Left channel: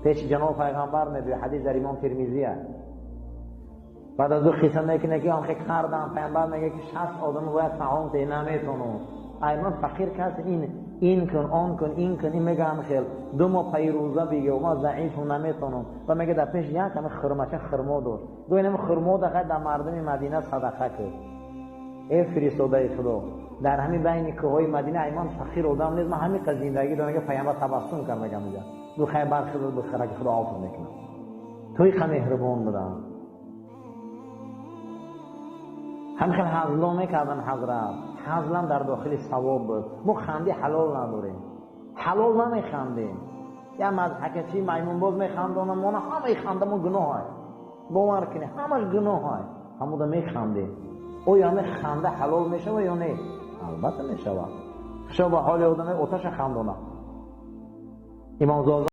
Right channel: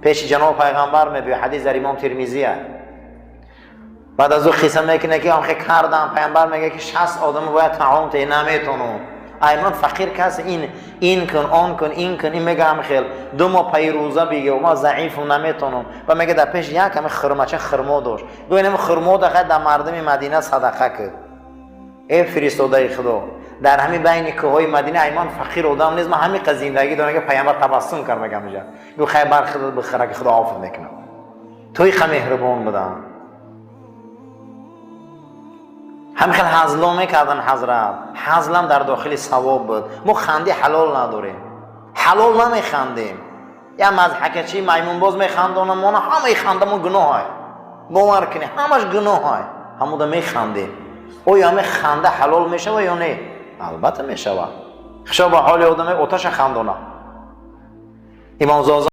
پیش جناب پیغمبر میگه، حدیث در امام ترمذیه. بعد از او قصه میکنه که آخه کردم، پیامبر میگه که 60 آدم باید طعام ته نمیتونم. ایمان فقیر کس این کن آن کن این کن، این میگه هم خیل 2 ماه پی روزه بگه و ما ضعیفم نمیتونم و میگه در پیش یک همه خرمچه خرما داشت، گویا اینم خرما در مردم مدینه صدقه کرد. ای فرستاده خدا، در همین بین کوههای مدینه ایمان فقیر آدم نیست، من همین قزیندگی دارم که پیامبر تبسم کرد میگم اینجا گو خیبر خدا بخره که خدا عفو میکنه. توی خ مهربان بودم. همین حزلا میکردن حضرت، حزلم در داخل ثواب بود. ما خنده حلال نداریم، حلال نمیخندیم. یا مضحکه چی میمون باز میخندونم، ما همه خندمون گناه های، باور کنی همش گناه های، همون میخندیم. یا همه خنده حلال میشه یا نه؟ البته میشه. خشا به حال آدم آتش خندونه. امام زازا